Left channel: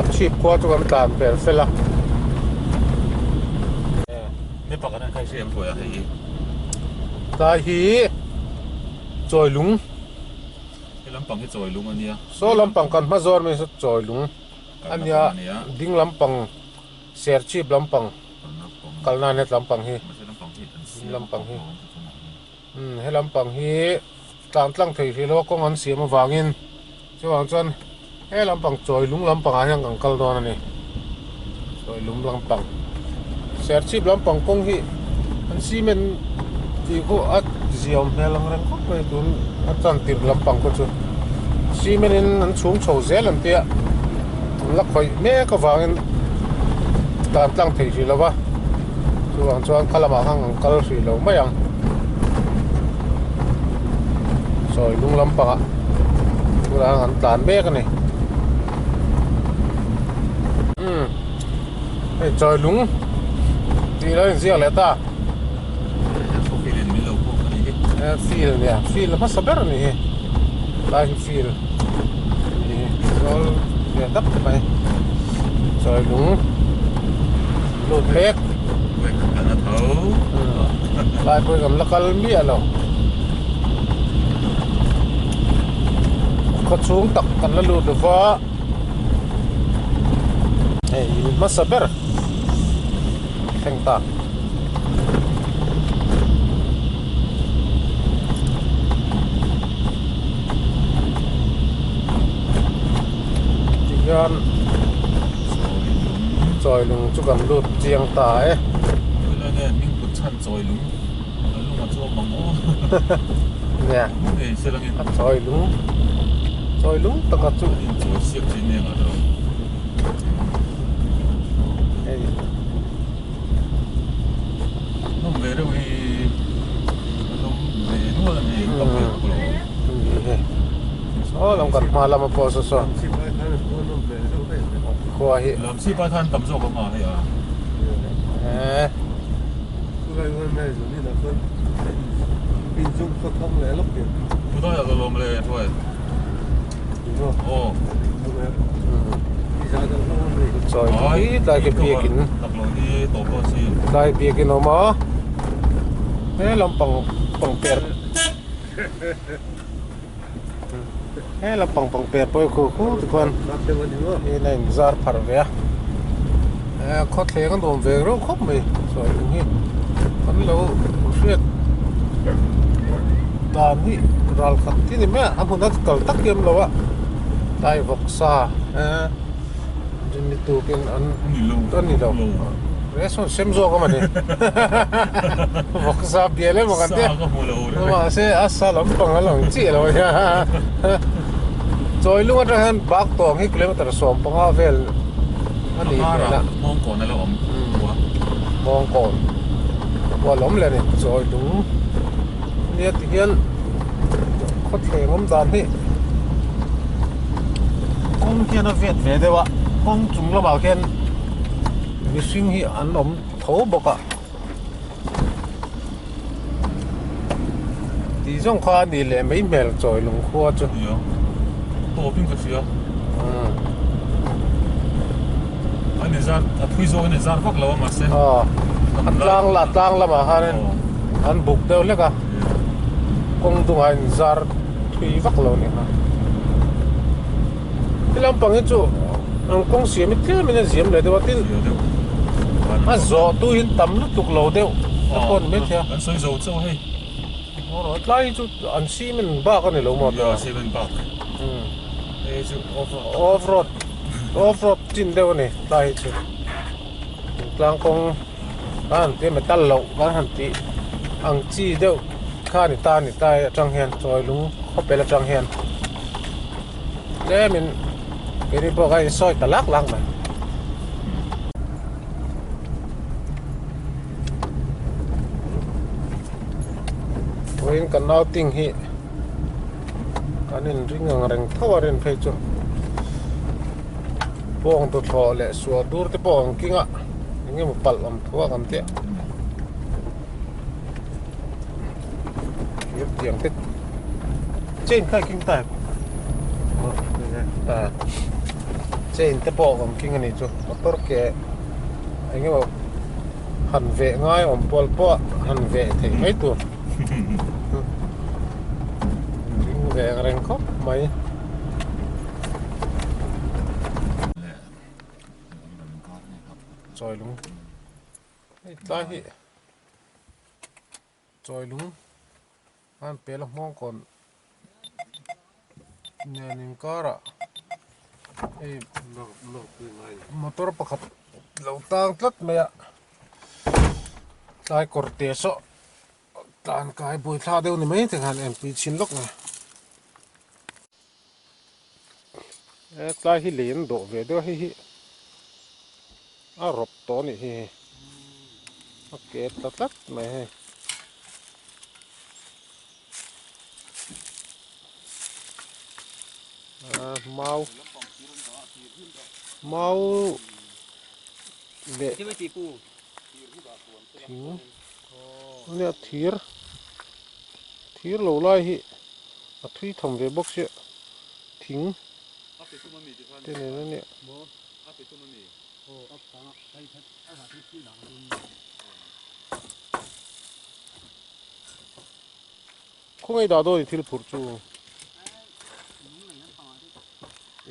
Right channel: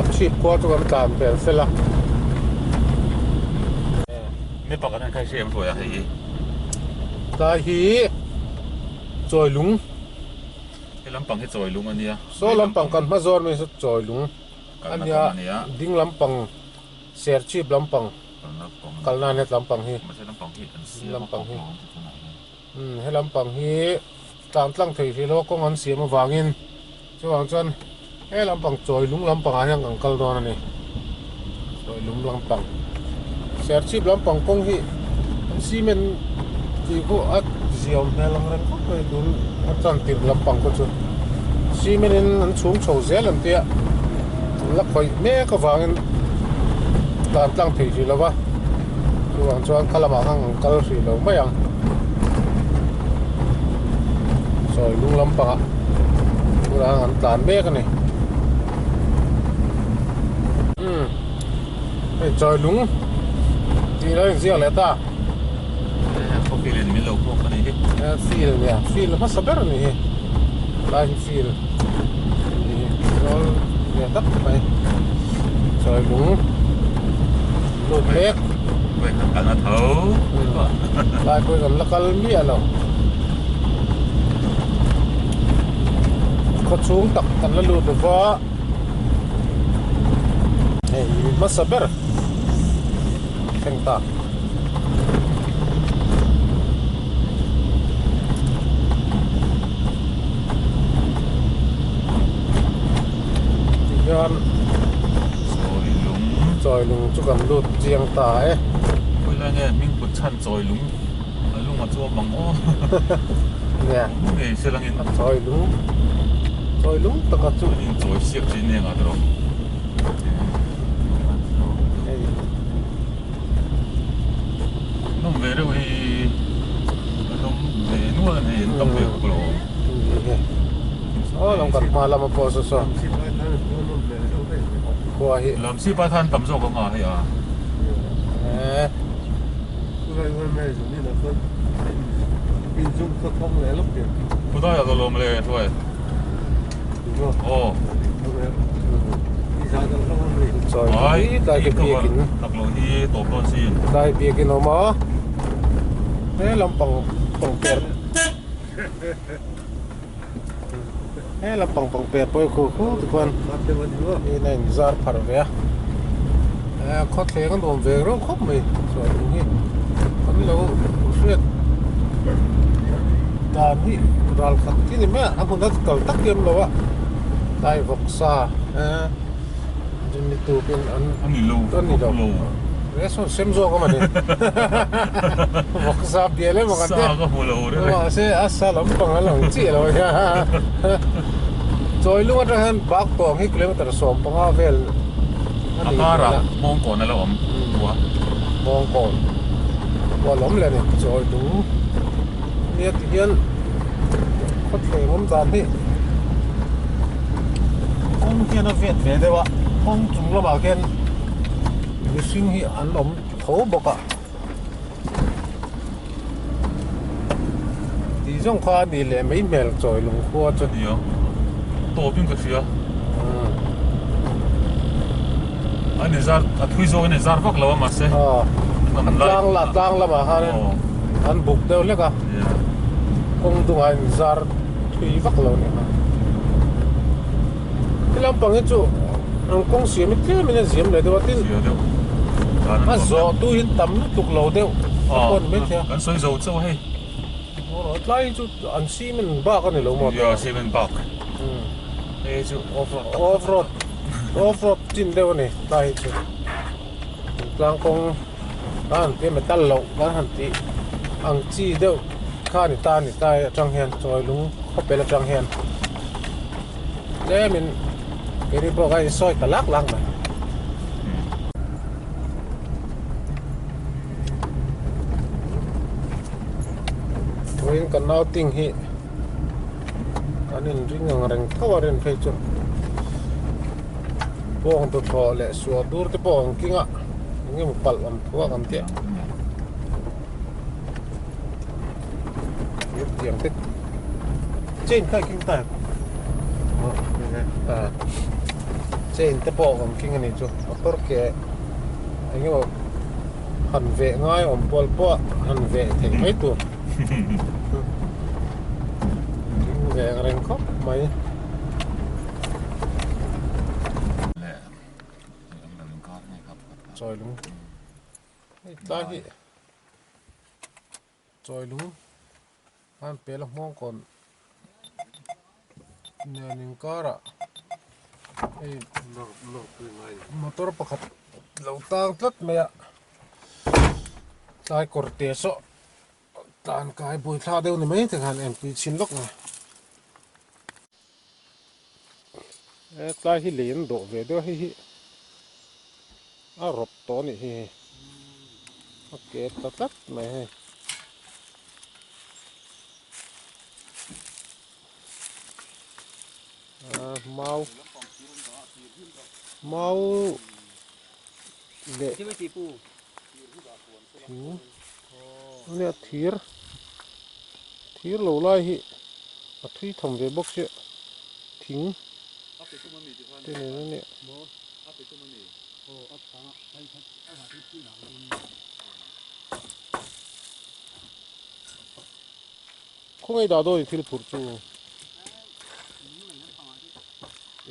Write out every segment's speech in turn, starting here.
làm chip qua cho con làm phải phải làไม่ปกติใครเชื่อมตัวอะไร ta hi trồi lúng ไอ้ลำปังที่จอยลุงอันเนี้ย số làm bằng con mazor mình sẽ trồi lúng กัน anh นะ ya อันเนี้ย ding làm bằng share chip làm bằng กันนะปัง kalna net làm bằng hi ไม่ใช่ลำปังที่อันเสีย ลำปังที่ hay làm bằng hi tạm tăng thời thì lo công an xia mà vàng in chứ vàng chân hay làm bằng trồi lúng làm bằng anh ang kal đó này trồi lúng làm bằng share chip làm bằng công hi anh xi men thì có at diom hay làm ren có cái đun at tan tiền làm bằng có chứ xi men anh xuống chầu dễ làm tiệt lắc khỏi mẹ có vàng in tạm tăng thời thì lo ba chứ vàng chân kalamang ang kal thì lo mấy ang rồi lung lắm bằng ạ là hắn tán bê cái này trời lúng thì nó riêng lại ta พวกฟิลิปปินส์เราพวกอันนี้ feel nè feel mà sao biết này lại feel nó để đắp mày trời lúng lụt hết เว้ยกันนะเท้า lại coi cầm là cái mía rồi có xuống tập cần là lụt được vợ hey mất sập bер thành ta Yan rồi lùng chú cầm lụt chiang ta ấy เวลาเนี่ยมิ่งปุดชันจอยลุงลุงมาจัวบังโอ้ nè เอ้ยเชื่อลังเงิน rồi lúng tao có chú ยิ่งจอยเสียบจีนเนี่ยอ่ะตรง น้องเวรเว้ยน้องเวนัวเนี่ยต้องเวรกูหรอ làm cần mà làm một bộ sơ sơ qua hi ลำซีป้าท่านตำโซก็มาให้อ่ะ กูต้องอยากจะลงมาเลยถ้วยโอ้ rồi đây cái bia kín ตักลงที่โต๊ะโต๊ะชี đây bia kín nó mà thế làm bằng bẹt thế là bằng bẹt bôi khu tụi con cái này ra phật về có thể con đồn về rồi khóc mày rồi đúng hi con lâu xuyên đàn hi rồi khát thì mẹ anh cũng đã cầu tắc kiếm rồi á đây vọc xa dân đi tù bên ăn อันนี้ลู ăn gì đâu đấy xong xem rồi các bạn đi vọc xa bia lên mà cái ซา thế ก็หัวโลด้ว nhưng ย mà sẽ asa lắm bằng cái lòng chỉ rồi rồi lúc đó hắn bác tuồng hết kilometer sớm bằng áo về อันนี้ละมองก่อนนะเราหัว mong còn và lắm lên này rồi đúng nhiệt hiện có thể ngắm dàn đi con kia nó việt về đây ạ con chúng nó bảo khen cái suy nghĩ ăn ống thấu bọc ạ thì trong khoa đi lại mấy mẹ rồi lùng khoa cho เดี๋ยวโต๊ะปิ้งกระเทียมอันนี้ซาทุยโซ่เนี่ยซาฟักเราอะมาเซ่ ăn lang là mà hắn ăn bục đâu lẽ cả công tung hành zar thui vắc lâu này mà cái làm bằng cái chỗ ông công xuyên mới thế mình diễm lại đâu tin เดี๋ยว mà gió tu hin tắm lúc tục lâu đâu con biết thế อันซอยโซ่เจ้าให้ nó lại chỗ ăn xi mình ba con này lâu mà เดี๋ยวเซเว่นบักเอ้ยจู่ off road chín đâu này lại chỗ lang công anh thế mà tan lâu anh hẳn tí ăn chi đâu khai này ta trăng hen rồi đúng không phải là trăng hen thế mình cái đi bộ cái soi cả lắc lăng mà với cái nào tình hi cái nên riêng ngang rừng thao rừng phải chứ buông tụt thò lệ xua dur cái buông kia ngạ những một bật làm thua làm thế biết tiếng tích trên khai kinh tài in te bo om king ani chu motor ke anh ấy bảo hẳn vệ ngay om pol po hẳn vệ thì mấy tu vệ rèn khóc mấy rồi luôn lại hi rồi luôn anh bé là mong còn nè nín cả ra motor pakhat lo tang tlat maya tai korte so tan kai boi thla deu ni mai te khan mp chin lok na tlai hi len do ve do hi a rop to ni hi a ke tlat mai he mau mau le nè thir lo lai hi a thui thom ve bok se thing te ne ne không ai đã đôi thil phur chu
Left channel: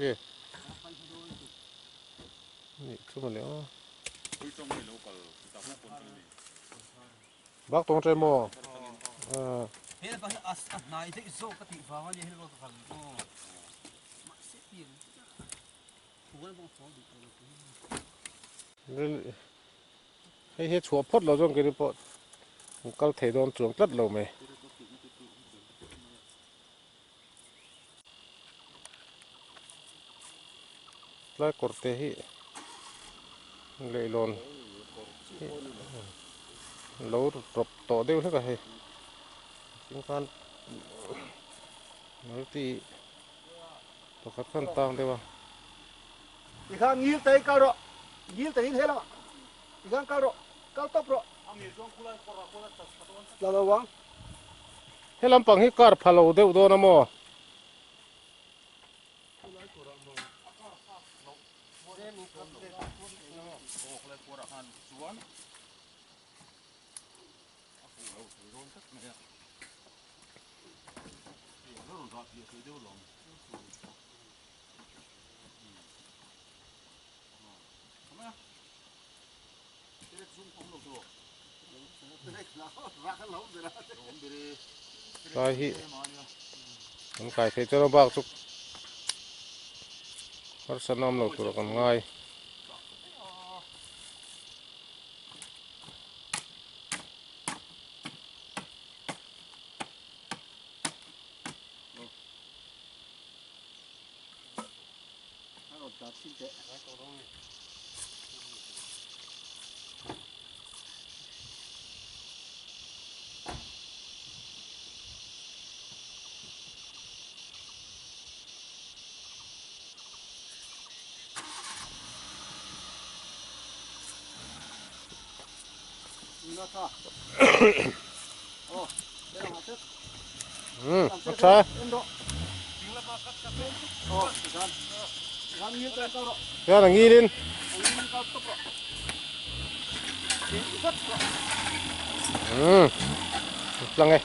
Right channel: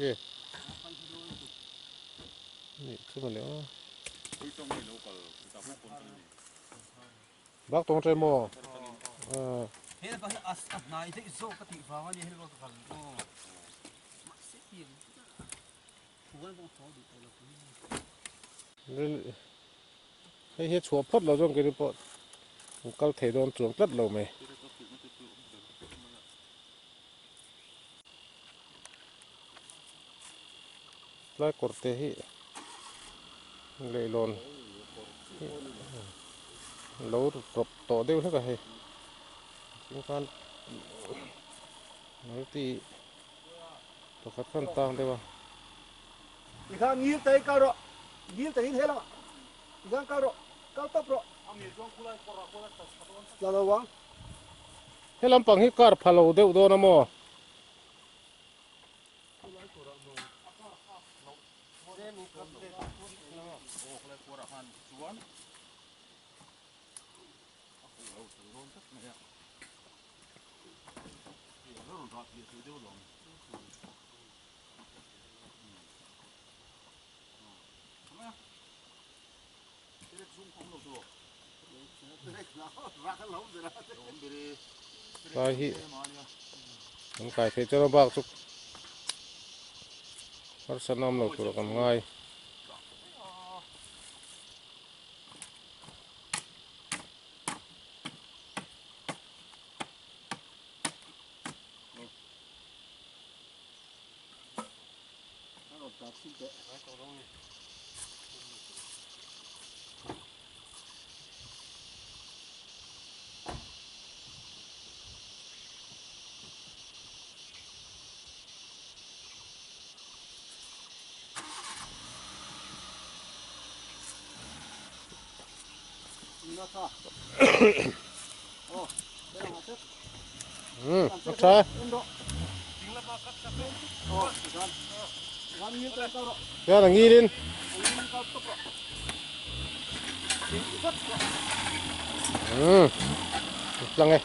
êนี่ขึ้นมาแล้วบักตรงใจหม้อเฮ้ยก็นายจะโซ่ก็ติดฟ้าวันนี้เฮ้ยก็ขันก็มาเสียทีหัวต้องฟ้องดูตัวให้เฮ็ดชัวพดเราจ้องกันดิปอดก็เทโดนจวงตัดเราไหมไล่กดเตะให้เลยลนเราตบต่อเดียวเท่าไหร่สิ่งการเราตีตัวขัดขั้นตามได้ป่ะอีกครั้งยิ้มใจก้าวรอยิ้มใจยิ้มเท่าไหร่อีกครั้งก้าวรอก้าวตบรอเราระวังให้ลำปังให้การพะโล้เดียวโดนนะโมใช่ฮิมันไก่เทเจ้าบ้าสุกพัฒนาเราตัวกันง่ายรักษาเจ้าหนังยีดินลังไง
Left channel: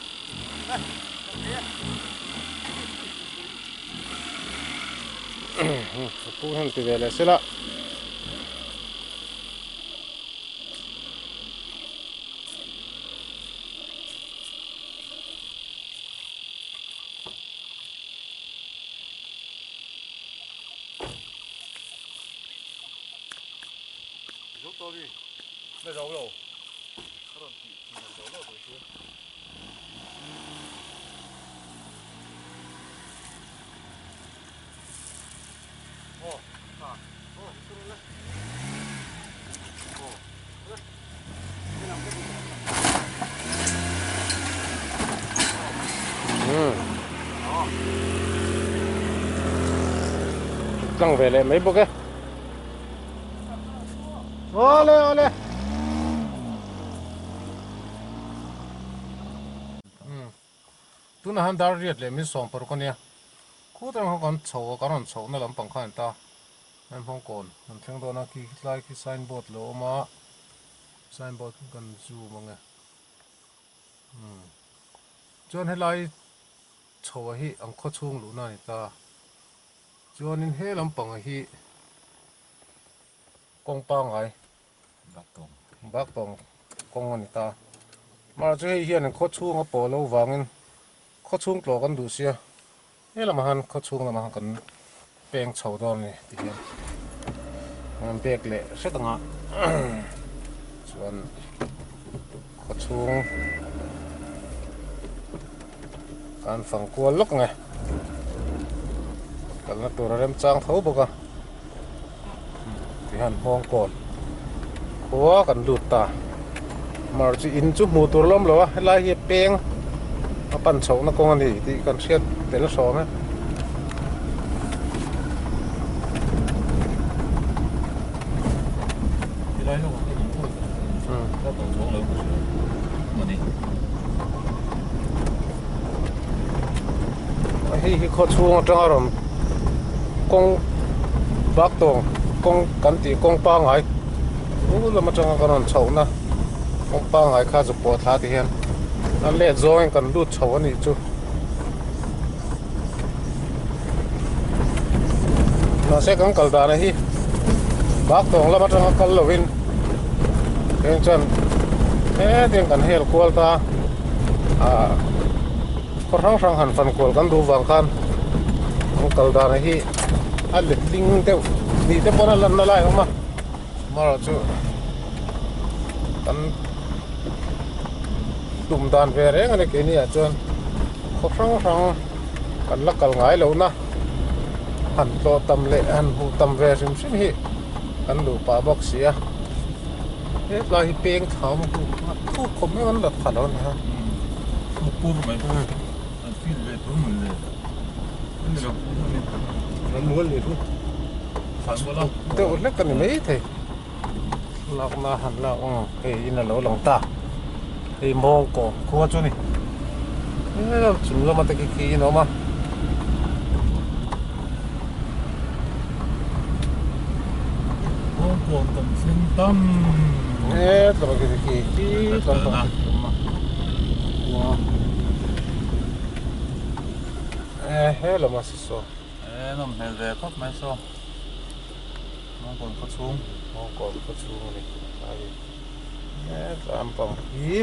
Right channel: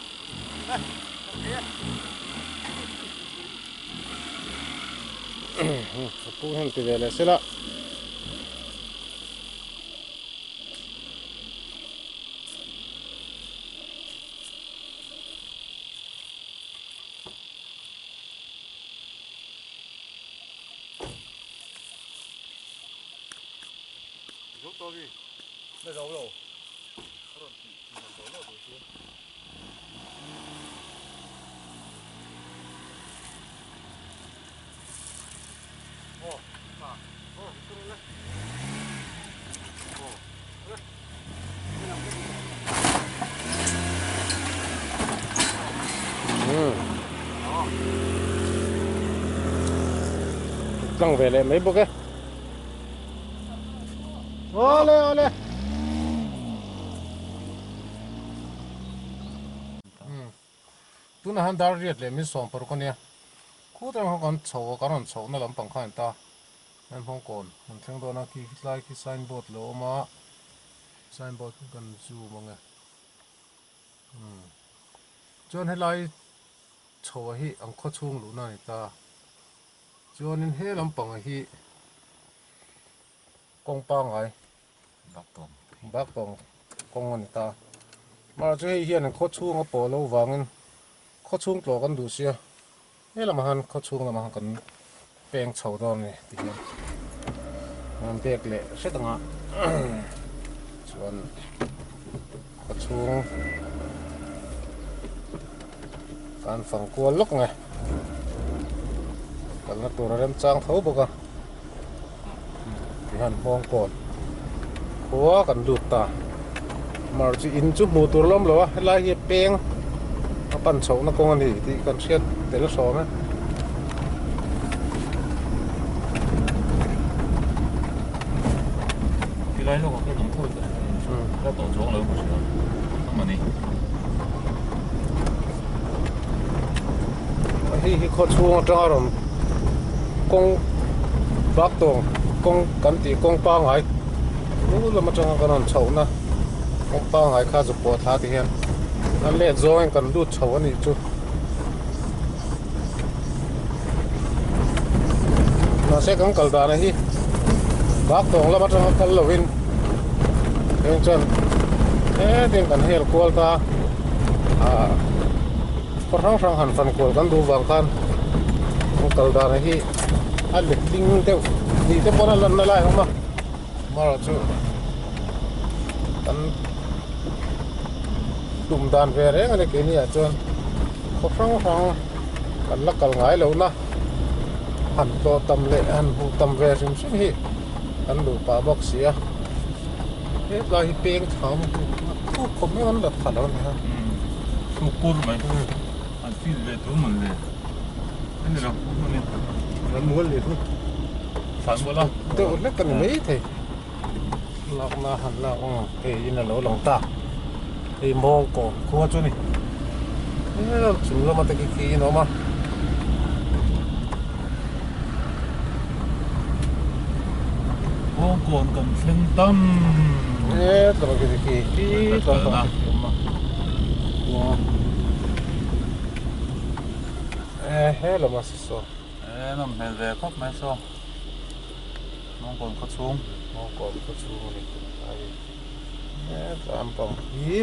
ปูหันติเวลเสร็จละไม่ร้องหรอลังเวลไม่บอกแกโอ้เลยตัวนั้นดาร์เรียดเลยมีสองปรคนเนี่ยคู่แต่เขากันโฉกันนั่นโฉนั่นลำปังข้างตา อันพงก่อนมันทั้งตัวนักขี่ไล่ขี่ไซน์บอร์ดโลมาไซน์บอร์ดกันจูมั้งไงจนให้ไล่โชว์ให้อังข้อช่วงหลุน่านี่ตาจนนินให้ลำปังให้กองปังไง Bác Tùng. บักตองกองนี่ตามาจะให้เฮียนข้อช่วงก็ปอแล้ววางเงินข้อช่วงตัวกันดูเสียเฮ้ยละมาหันข้อช่วงละมาหันกันแปลงเฉาตอนนี่ตีเฮียนมันเบรกเละเสียตังอ่ะส่วนข้อช่วงการฝังกลัวลุกไงกันนักตัวเริ่มจางเท้าบุกอ่ะตีหันมองก่อนหัวกันดูดตามาจะอินจุมูตัวล้มเลยวะให้ไล่เหี้ยเป้งมาปั่นเฉานักกงอันนี้ที่กันเชียดแต่ละสองนะ Cái đấy nó có cái gì thôi. Cái tổ xuống lớn một chút. Mà đi. ให้เขาช่วงจังอารมณ์กงบักตรงกงกันตีกงปังไงรู้แล้วมาจังกันนั่นเฉานะกงปังไงข้าจะปวดท้าที่เห็นนั่นเละโซ่กันดูดเฉาอันนี้จุน่าเสียกันกัลดานะฮีบักตรงแล้วมาจังกันลวินเองจันเตียงกันเฮลควอลตาพอทั้งสังหันฟันกวลกันดูวางกันกัลดานะฮีอันเด็กลิงเต้านี่เต้าปนอะไรนั่นแหละเข้ามาเราจูกันดุมดานเวรเองอันนี้แค่นี้จนพอทั้งกันลักกันง่ายแล้วนะหันโตตำเละหันหูตำเวรซิมฮีกันดูป่าบอกเสียเฮ้ยลายเปียงเท้ามันทุกคนไม่มันดัดขันแล้วนะ Một cuốn mày. Anh phi về túi mình lên. Cái này là cuốn mình lên. มันม้วนเลยทุก Phản quá đâu. เดี๋ยวเล็กกันไม่เท่เรามาหันเราเฮ้ยอินเราหลงตาเฮ้ยมองก่อนคัวจุนี่เฮ้ยจุเรามาตะกี้กี้เนาะมา Vô cuồng cầm sinh tâm. เฮ้ยตะกี้กี้ที่ตอนมาเฮ้ยเรามาสิโซ Ê, nó mình về khóc mấy xô. Nó còn có xuống. มองก่อนคัวชูนี่ไอ้เฮ้ยตามปองกี้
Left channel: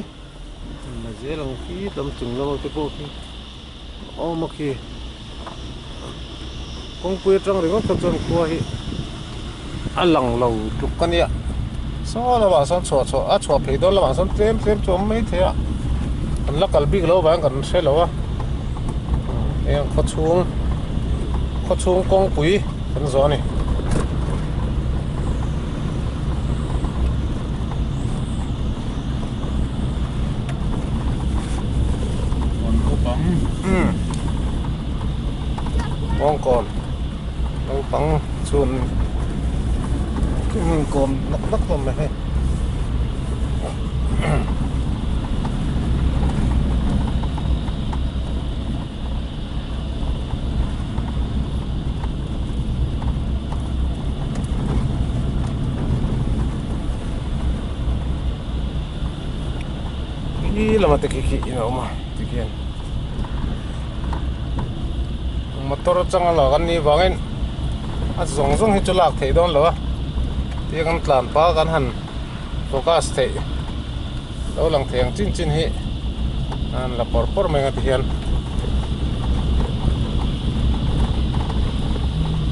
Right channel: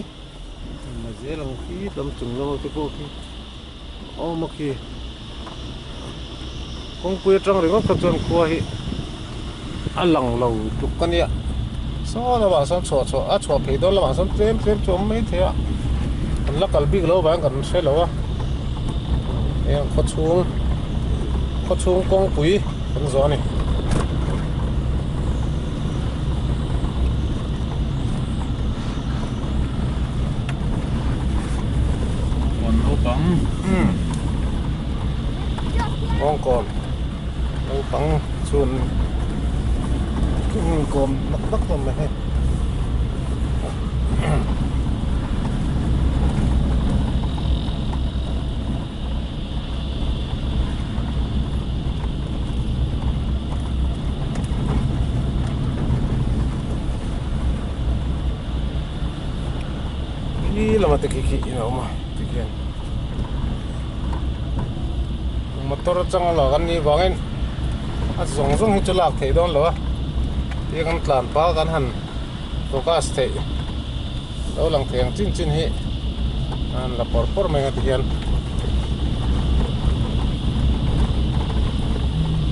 มาเจริญกี้ตำจุงเรามาตะโกกี้โอ้มากี้คงเปิดจังเลยก็ขจรคัวฮีอันหลังเราทุกกันเนี่ยซ้อระหว่างซ้อนชัวชัวเพดอนระหว่างซ้อนเต็มชัวไม่เท่อะอันละกันบิ๊กเราแบ่งกันใช่หรอวะเอ็งเขาชูงกองปุ๋ยกันซ้อนนี่ Còn có bóng. มองก่อนเอาปังชวนขึ้นก่อนนักๆก่อนเลยให้พี่เรามาตะกี้ๆเนาะมาตะกี้มาตัวจังเรากันนี่วางเงินอาจจะส่งให้จุลากเทดอนหรอวะที่กันตลาดป้ากันหันโฟกัสเทแล้วหลังเทียงจิ้นๆให้อันละปอร์ไม่กันที่เห็น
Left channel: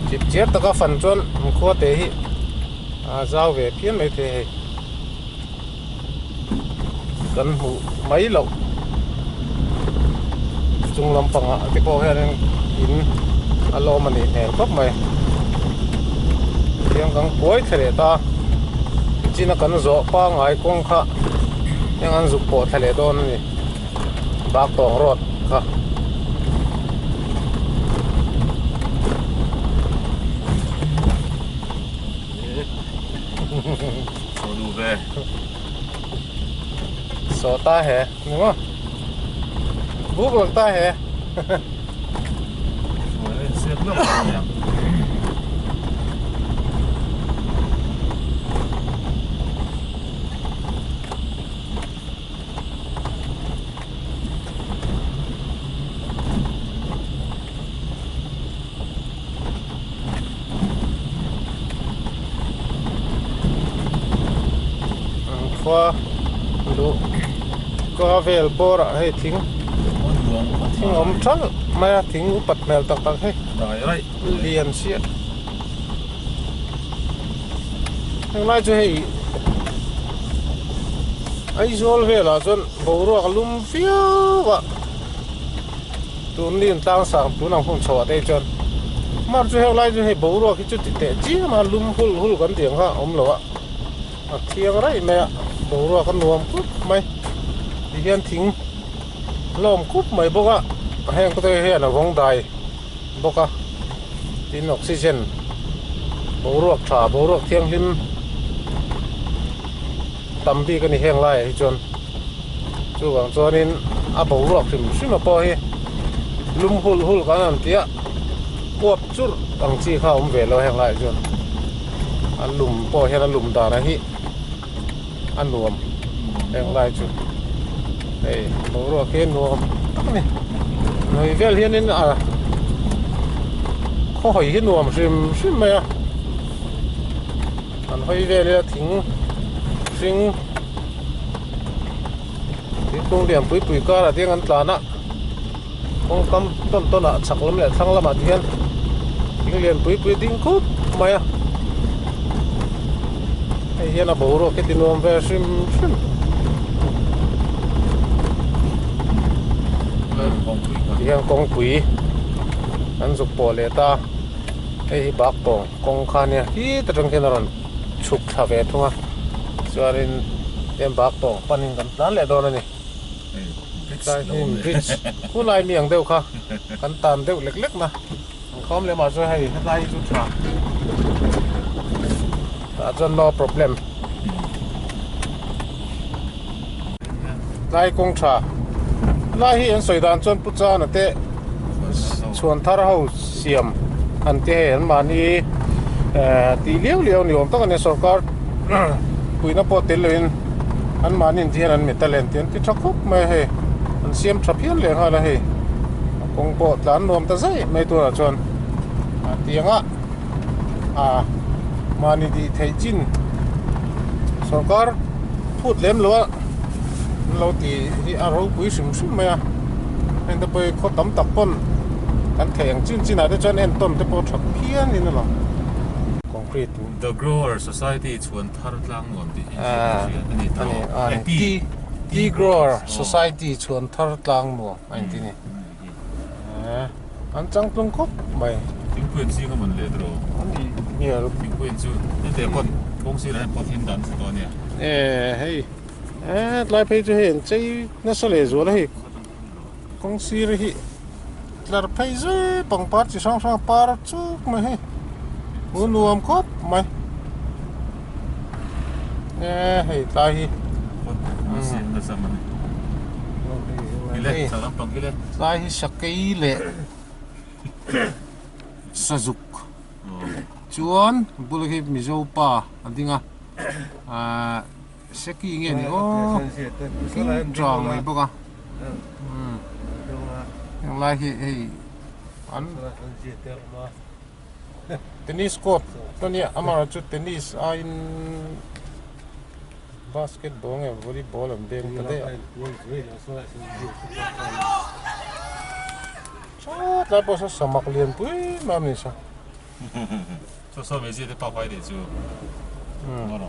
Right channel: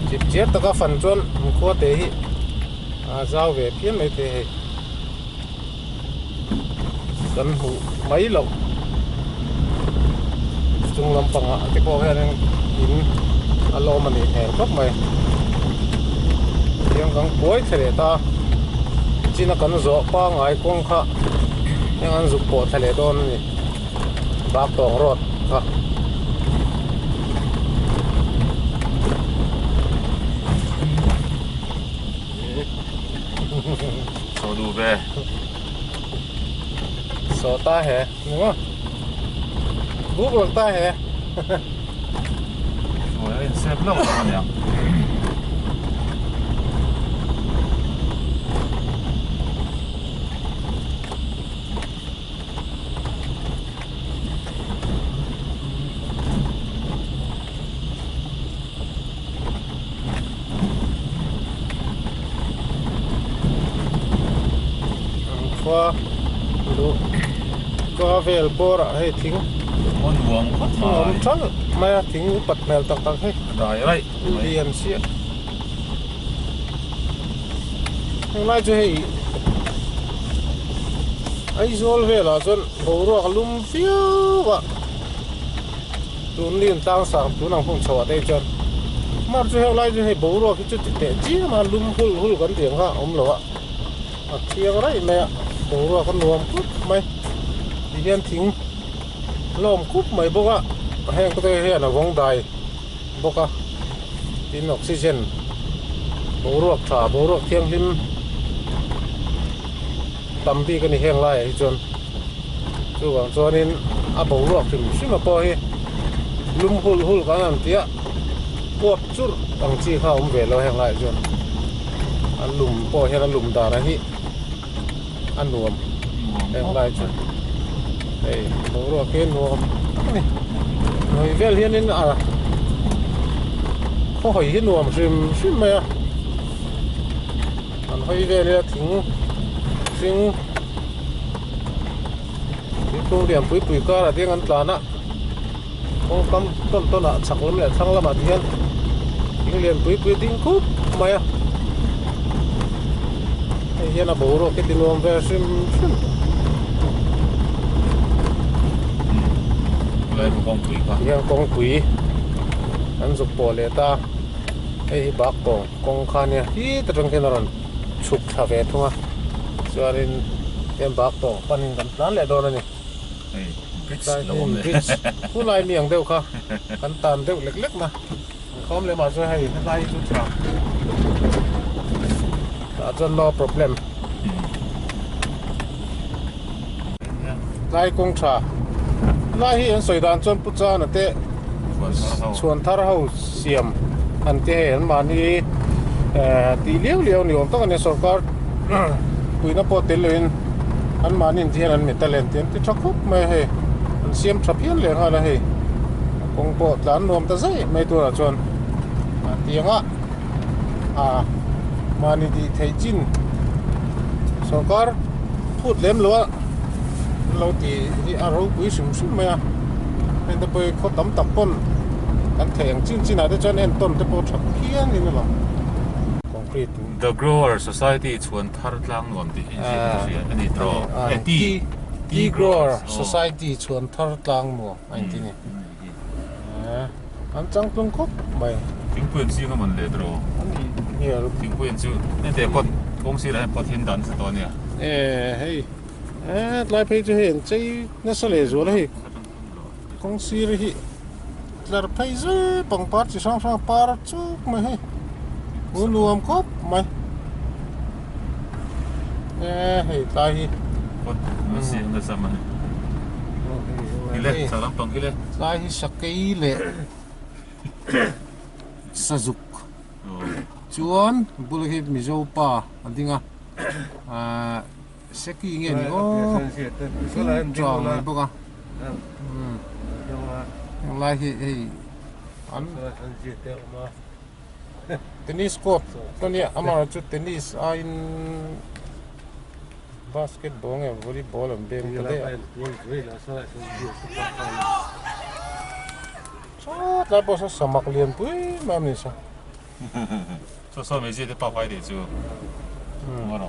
จิบเจี๊ยบตะก็ฟันจนมันขั้วเตะให้เจ้าเวทเพี้ยนไม่เตะให้กันหูไม่หลงจุงลำปังอ่ะที่พอแค่นั้นอินอารมณ์มันนี่แหงครบไหมยังกังป่วยเทเลตาจีนักกันโซ่ป้าไงกงค่ะยังอันสุกปวดเทเลโดนนี่บากตองรถค่ะ Số đủ về. โซตาแห่นี่มั้งบุกหลังตาแห่ Rồi lên xếp lốc rồi nè. qua lu qua về bora hay thính con buông thính ống trắng mà thính bật mèo tắc tắc hay rồi đấy liền xịa thằng lai cho hay ai zol về là chọn bầu ruộng lum phiêu vậy tuần liên tăng sang tuần nào không chọt đây chọn mà cho hay lai cho hay bầu ruộng cái chút tệ chỉ mà lum hul hul cái tiếng ha lo ạ thiêng đấy mẹ bầu ruộng con nuông cút mày đi hiện thính lom cút mày bốc á hay có thể hiện là vòng đài bốc á tin oxygen bầu ruộng thả bầu ruộng thiêng lim tầm bi cái này hang lại chọn chú vàng cho nên bầu ruộng thì xí mà po he lum hul hul cái nào tía quật chút bằng chi khao về lo hang lại chọn lum po he lum đà ra hi nuông hang lại chọn đây bầu ruộng cái nuông này người về liền nên không hỏi cái nuông xí mà anh hỏi về là thính sinh cái công điểm bụi bụi cả là tiếng Anh là nè không tâm tâm nè chắc lắm là thằng làm mà tiếng tiếng liền bụi bụi tiếng cút mày à hiện là bố rồi cái tiếng Anh về sim lấy con quỷ qua tiếng con quỷ anh giúp bỏ lệ ta cái bác bông con khan nha hi tất trong cái nào chụp thà về thôi à cho nên em bác bỏ phần hình tán lại đó này đây bridge cú lại miệng đều kha cắn tàn đều lệch lệch mà không lấy mà rồi hay lại chút thà đã cho no problem lại công trà lại hiện sợi đàn chôn bút ra nè té chuồn thar hậu xiêm anh té anh mà đi tí liêu liêu nhiều tao cái này sổcar quỳ nó bỏ tiền lên anh mà nhìn thấy anh mới ta lên tiền thì chắc khúc mày hay anh xem chụp hiện liền hay là hay công bộ tán nuông ta dễ mấy tuổi là chọn tiếng á mà nhìn thì thấy chín sổ car phút lem luôn lâu thì rau quý sủng sủng mày anh ta bây có tấm tập pon anh thấy anh chín này để chọn anh tôm để bỏ chụp hiện như thế nào concrete The Grower Society chuan thar tlang nuam ti ani tro Tea Grower Society chuan thar tlang nuam anh tin anh chẳng tung cốc mày tiếng quyền si không mình lệ tro nhiều tiếng quyền chu nên để pot công ty lại pot hin dan to nè hey lại phải cho hiện chơi nó sẽ lấy rồi đấy công ty đấy là phải rồi bằng part chỉ sang part chút mày hay muốn nuông cốc mày hey tai hi pot si là sao mà ile sao lắm bằng ile tai hi sakai le sazuk chuan bulhi mizo pa andinga seki nge ni o tròn mai boka yang lai hi an tennis court tani amara chu tennis in basketball nge volleyball am bem kade so la bosa samak lian pui mam ni sa so mấy gì để bảo vệ để chú ngon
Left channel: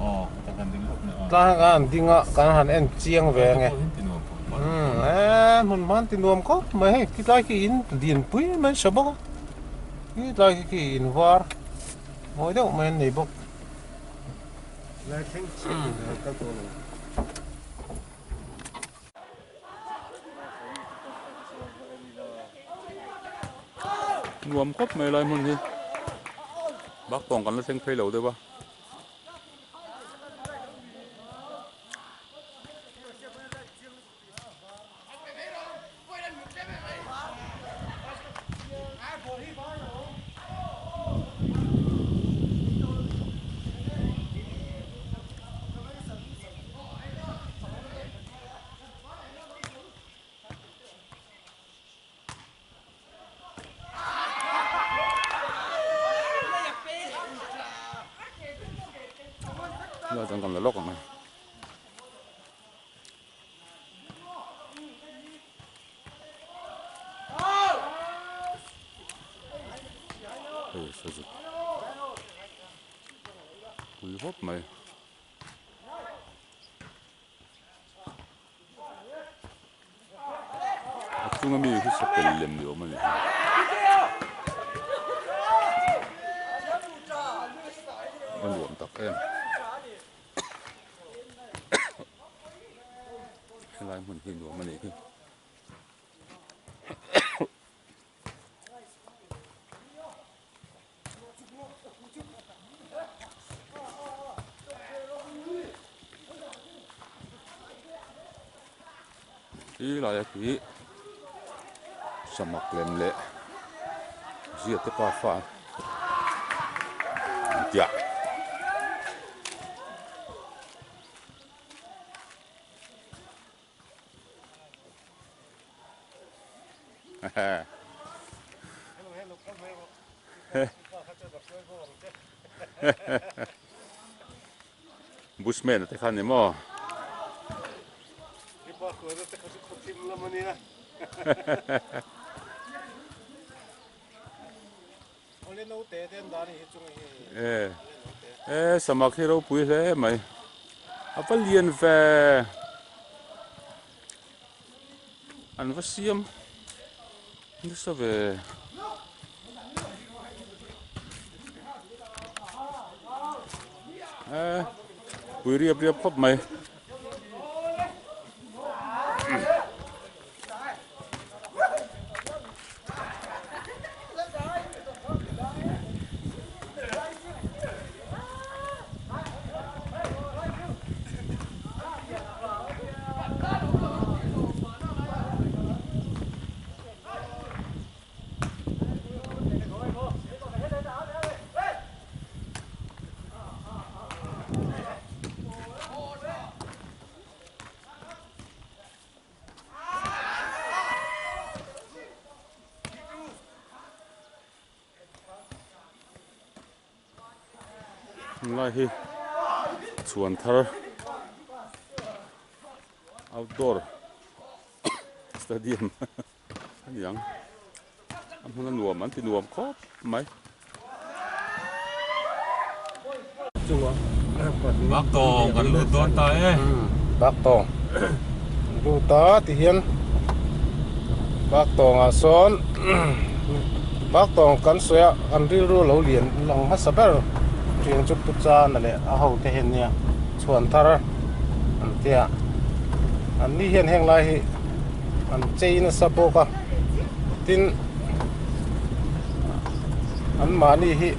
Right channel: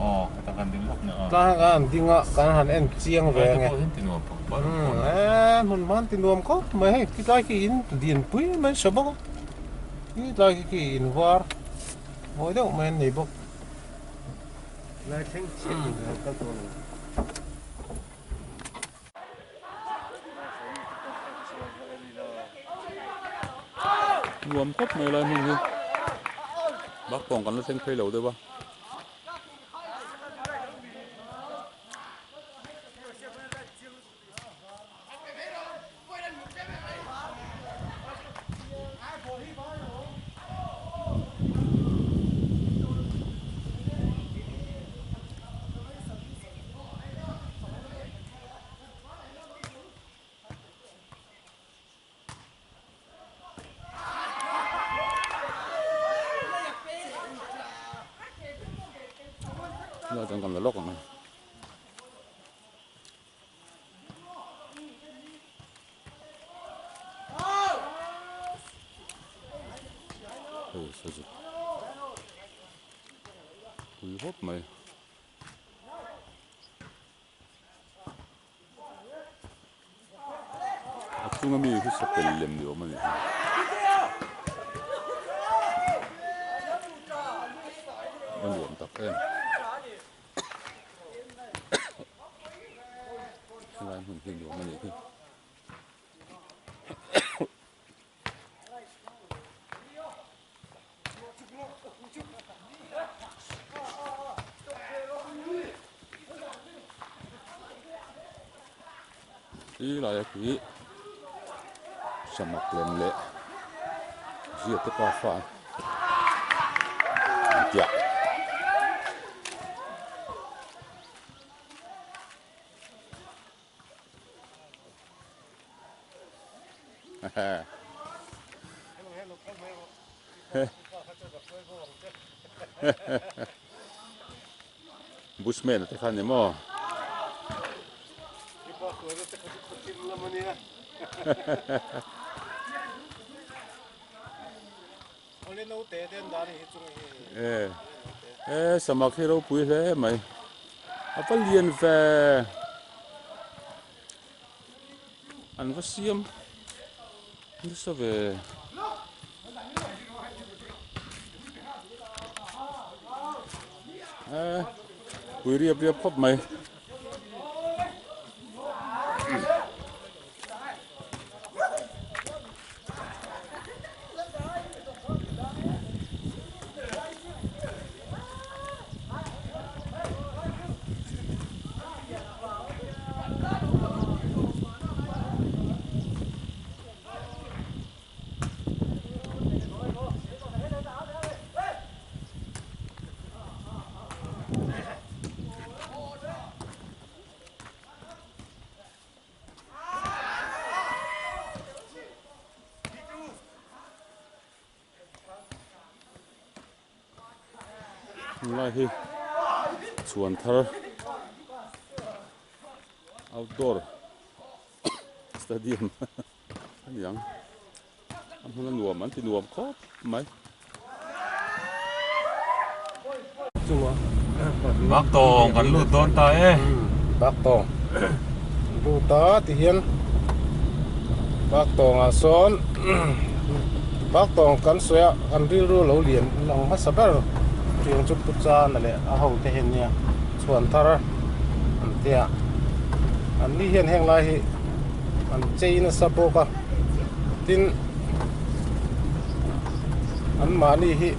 ta cần tiếng lắm nữa ta gan dinga kan han en chiang ve nge mun man tin nuam ko mai he ki lai ki in din pui mai sabok ki lai ki in war moi deu men nei bok là thanh chiết các cô nuam cốc mày lại mừng gì bác còn nó xanh phê lẩu đấy ba giờ chẳng còn là lốc rồi Hey, sao chứ? Ui hop mày. Chúng em đi khi sắp đến làm điều mà này. Mình buồn tắc em. Cái này mình kinh điều mà này kinh. Ý là cái sắm mặc lên lệ. Giết cái pa pha. Dạ. Bushman te khan mo. Samak hero pui le mai. Apa lian ve. An vasiam. Ni sa ve. Pui riap riap khop mai. Lai hi chuan thar outdoor stadium anh yang am huna nuam an ti nuam khop mai bác tong kan lu ton ta e bác tong lu ta thì hiền bác tong à son bác tong kan soya an ril ru lo lian long ha saber riêng chút chút cha nè lệ à hậu thế hiện nha chuan thar anh tia anh đi hiện heng lai hi anh chơi nó sắp bốc à tin anh mà đi hi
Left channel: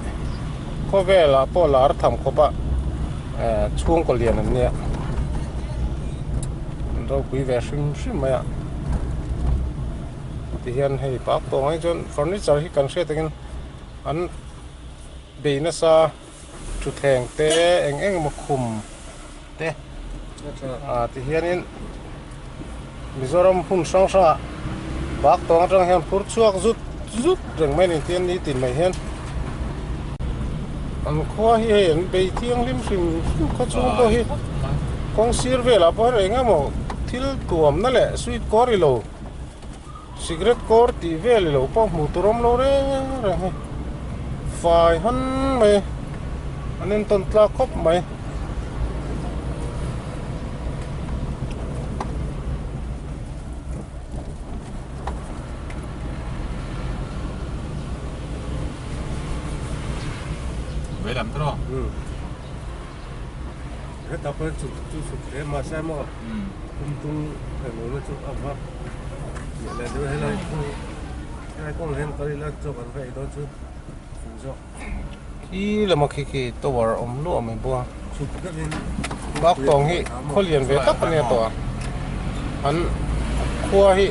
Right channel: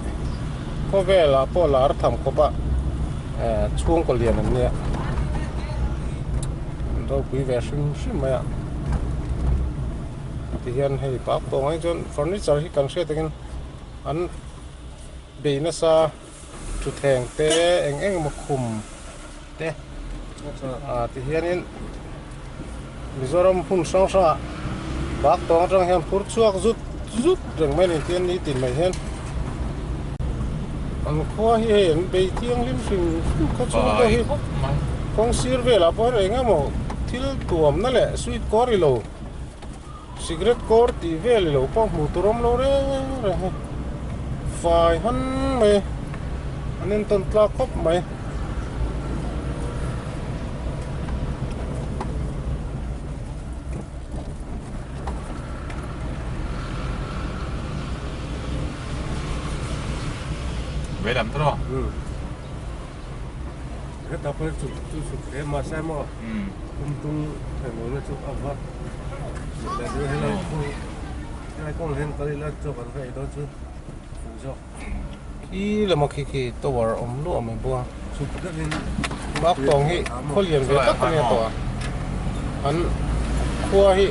có vẻ là bỏ lá thầm có bạ chuông có liền anh nhé đâu quý vẻ xinh xinh mày ạ thì hiện hay bác tông anh chọn furniture hi cần sẽ tiếng anh bị nó sa chút thèn té anh mà khum té thì hiện in Mizoram phun sang sa bác tông trong hiện phun chuộc rút rút rừng mấy này tiền đi tìm mày hiện anh khoa hiện bị tiếng lim sinh có chung có hi con xir về là bao rồi nghe mò thiếu tuồngนั่นแหละ sweet corn lo cigarette corn thì về lo bao mù tôm lo đấy rồi phải hắn mày anh nên tuần tra cốc mày về làm thôi hết tập hết chụp thế mà xem mà tung phải muốn chụp ập ập là đưa hay là cái con hen tới là chụp ăn vậy đó chứ phụ cho khi là một khi tôi vào ống lụa mình bua chụp cái bên bác tòng hi có liền về tất cả này tòa anh khua hi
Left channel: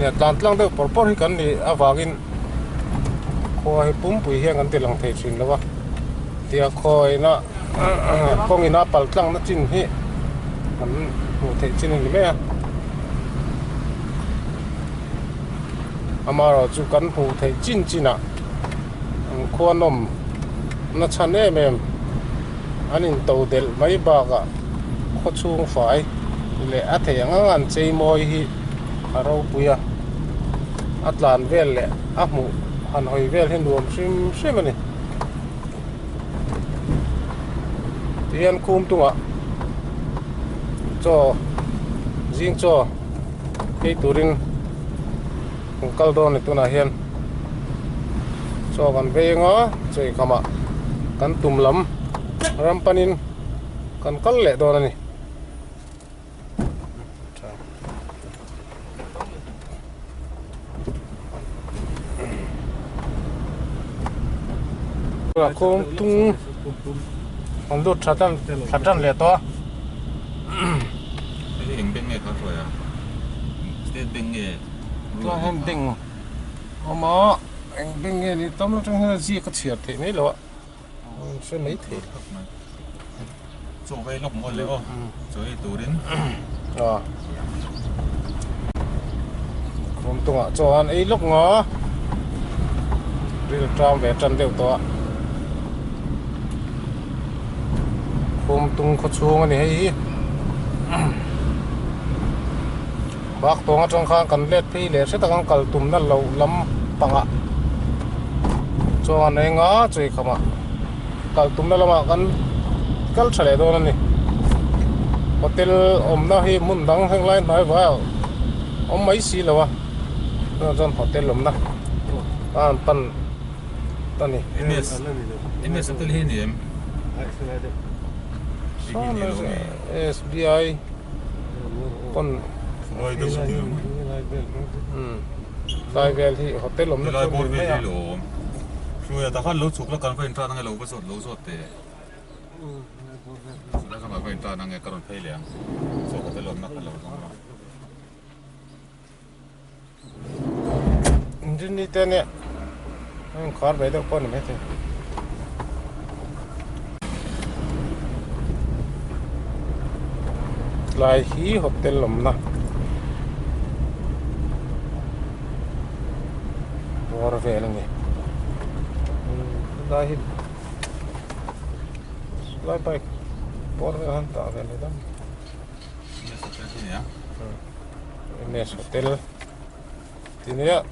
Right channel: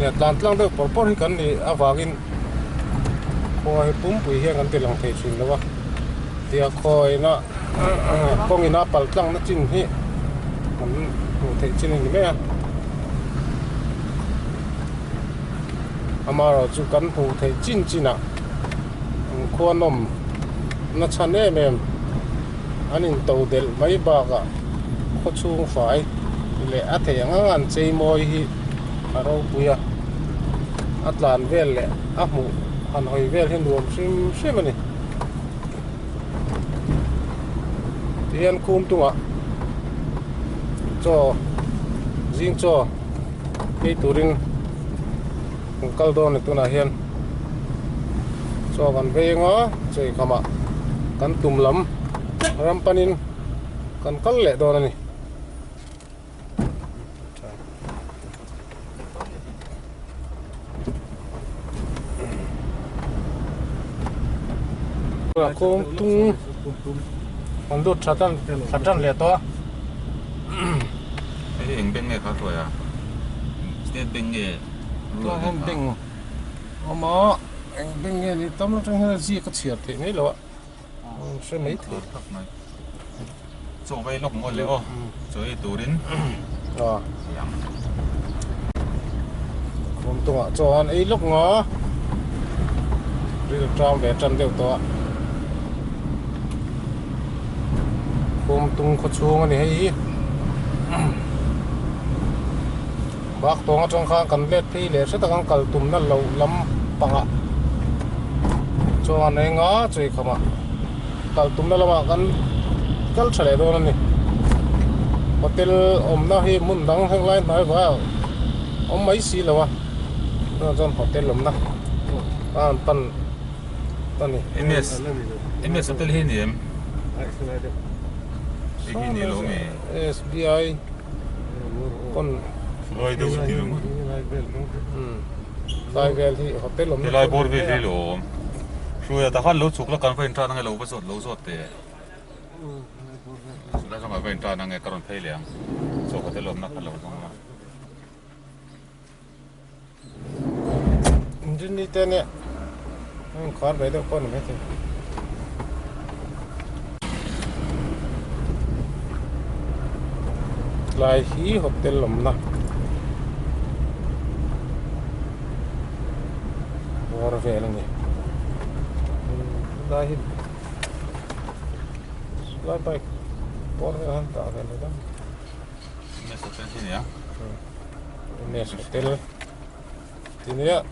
nè tan lang được bỏ hi cần đi à vagin khua hi pum pui hiang kan tilang thei chin lawa tia khoi na con ina pal tlang na chin hi kan mu thei chin ni me amaro chu kan pu thei chin china khua nom na chan em anin to del mai ba ga kho chung fai le a thei anga an chei moi hi aro puya atlan vel le a mu han hoi vel hin duam sim sim ani tian kum tunga cho jing cho cái turin kal don ni tuna hian cho kan ve nga chei khama kan tumlam rampanin kan kal le don ani là con tung con đốt sát chân lẹ to cái hình bên nghe khá rồi à cái bên nghe to hơn đỉnh mà anh bên nghe thì tóm nó trong hơi gì có thiệt thì mấy lọ sẽ mấy thì chỗ vay lọc ngonเลยchỗ ấy tủ đến con tung ạ cho anh ấy lúc ngó đi được trong vẻ chân đều to con tung có chuông này hay bác tung ở trong khang cần lết phi lết sẽ tăng cần tùm nó lâu lắm bằng ạ cho anh ấy ngó chơi không ạ cần tùm nó lắm ạ cần cắt chảy đâu này hotel nó hi muốn đăng hàng lại nói vào ông mấy xí rồi nó trong hotel lắm nè pan này em sẽ tới hiện em SBI con rồi đâu cũng được lại về thì hotel lắm cái lại bor về đi luôn rồi ta phát lúa chụp là cần phải tra năng cái lúa sốt thế là sao mà phải tra năng cái còn phải liền số hotel lắm nát lúa xong rồi trên đi tên nè khó về đâu con này thế lại hí hotel lắm nè rồi về là nhỉ lại lại bay bỏ ra hắn tạo về đây đó em sẽ tới thế nhá nè hotel thì nè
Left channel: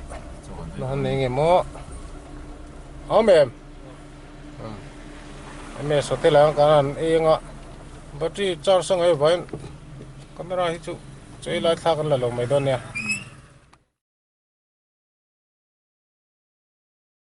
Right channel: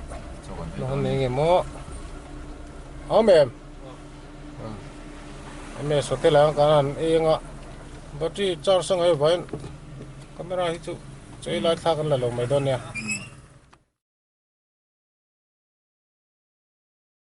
nó hắn này nghe mò ôm em em hotel là cái anh ấy ngọ bữa trước cho sang ấy vậy camera hít chú chơi lại thắc là lâu mấy đôi nè